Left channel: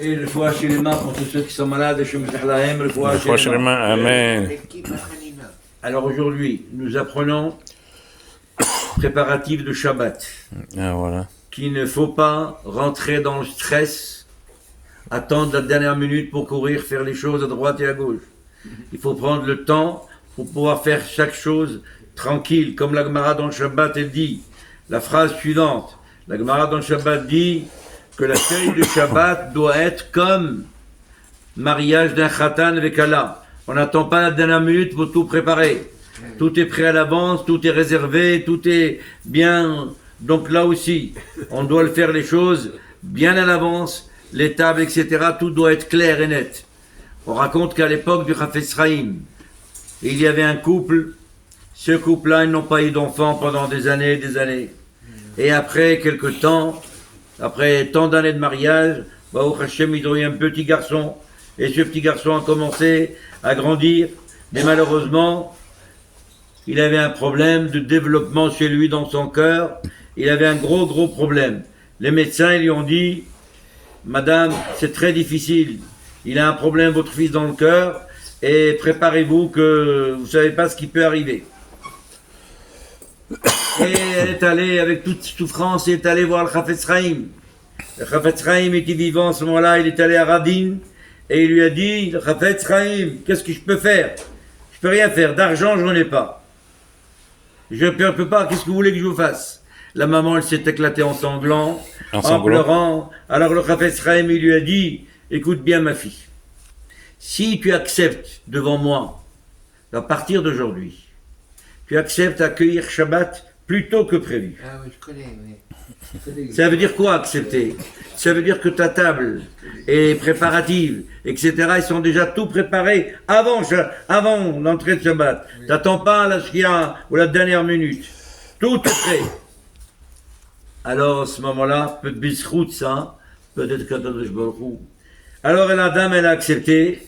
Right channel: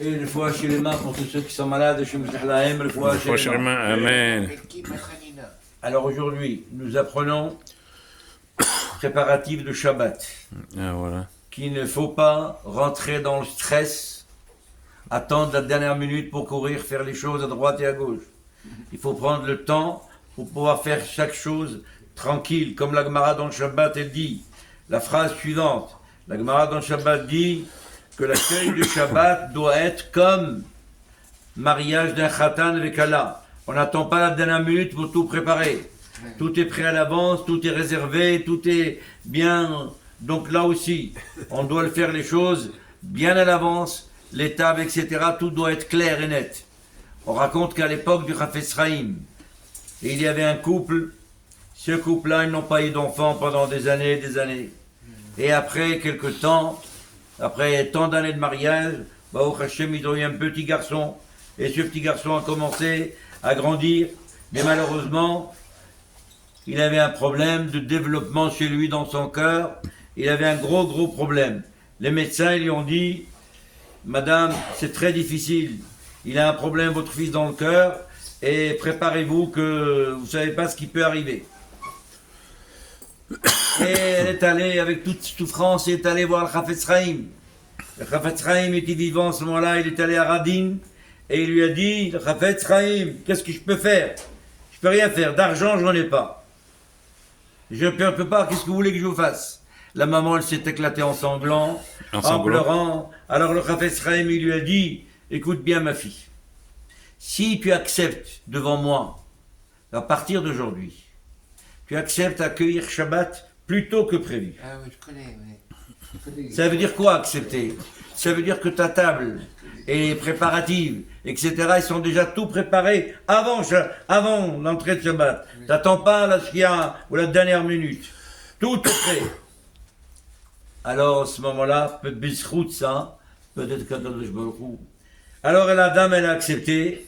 Et le foie chez les mains pour tous ceux qui sont malades, je me le foie chez les mains. Amen. Alors aujourd'hui, nous apprenons préparatif de Shabbat. Ah, voilà. Qu'il ne faut pas rentrer dans le stress, attendre la dernière minute pour courir, faire les choses à droite et à gauche. Il faut prendre le temps pour pouvoir faire chaque chose tranquille, comme la Gemara dans le Shabbat, elle dit, la phrase suivante, la Gemara dans le Shabbat dit que l'accueil du Shabbat doit être comme mariage d'un Khatan avec Allah. On n'attend pas la dernière minute pour tout préparer. Tout est prêt à l'avance, tout est réservé, tout est bien. Donc là aussi, on doit le faire les choses bien à l'avance, les tables, etc. Tout doit être clair et net. On raconte qu'à l'époque du Chafetz Chaim, il y avait un couple. Ce couple-là, ils n'ont pas eu d'enfants pendant des années et des années. Et après quelques temps, après tant d'années de mariage, au Hachem, ils ont eu un petit garçon. Et ce petit garçon a commencé à grandir. Mais malheureusement, il avait un problème de développement chez lui dans son cœur. Il avait un gros problème. Les médecins ils lui ont dit, Madame, c'est très difficile. Il a un problème, votre fils, dans le cœur. Et préparez-vous que vous ne savez pas ce qui peut arriver. Et elle est allée, avec toute souffrance, elle est allée voir le Chafetz Chaim. Le Chafetz Chaim était vivant à ce moment-là, il est allé à Radin. Et il lui a dit, le Chafetz Chaim, qu'est-ce que je peux faire? Je peux rien faire, d'argent je n'en ai pas. Je ne peux pas, qu'est-ce que vous voulez que je vous fasse? La maman, elle s'est éclatée en sanglant, en pleurant. Alors le Chafetz Chaim, il lui a dit, écoute bien ma fille, si tu acceptes devant moi, à partir d'aujourd'hui, tu acceptes d'accueillir Shabbat plus tôt que prévu. Ah oui, je connais, oui. Ça veut dire quoi accepter? Ça veut dire que ta table est préparative, etc. Ils sont déjà tout préparés avant l'entrée de Shabbat. Oui. T'attends pas la shkia ou la dernière minute. Tout est prêt. Alors à ce moment-là, peut-être ça, peut-être qu'Akadosh Baruch Hu. Alors la dame, elle a accepté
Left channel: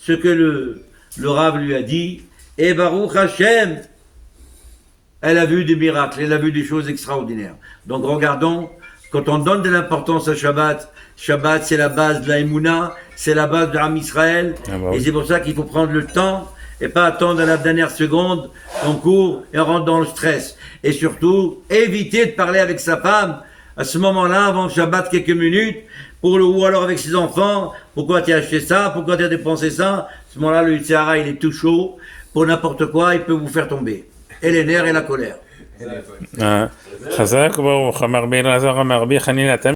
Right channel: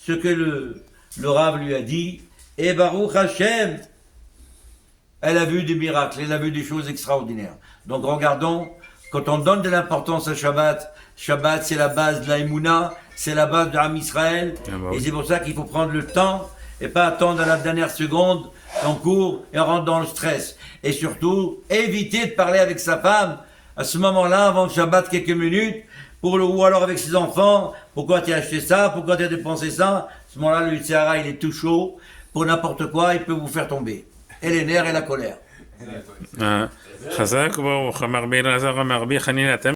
ce que le Rav lui a dit. Et Baruch Hashem, elle a vu des miracles, elle a vu des choses extraordinaires. Donc regardons, quand on donne de l'importance à Shabbat, Shabbat c'est la base de la Emouna, c'est la base de Am Israël, et c'est pour ça qu'il faut prendre le temps et pas attendre à la dernière seconde, on court et on rentre dans le stress. Et surtout, éviter de parler avec sa femme à ce moment-là, avant le Shabbat, quelques minutes, ou alors avec ses enfants, pourquoi tu as acheté ça, pourquoi tu as dépensé ça. À ce moment-là, le Yitzhara, il est tout chaud, pour n'importe quoi, il peut vous faire tomber. Et les nerfs et la colère. חזק ברוך, אמר בי אלעזר אמר בי חנינתם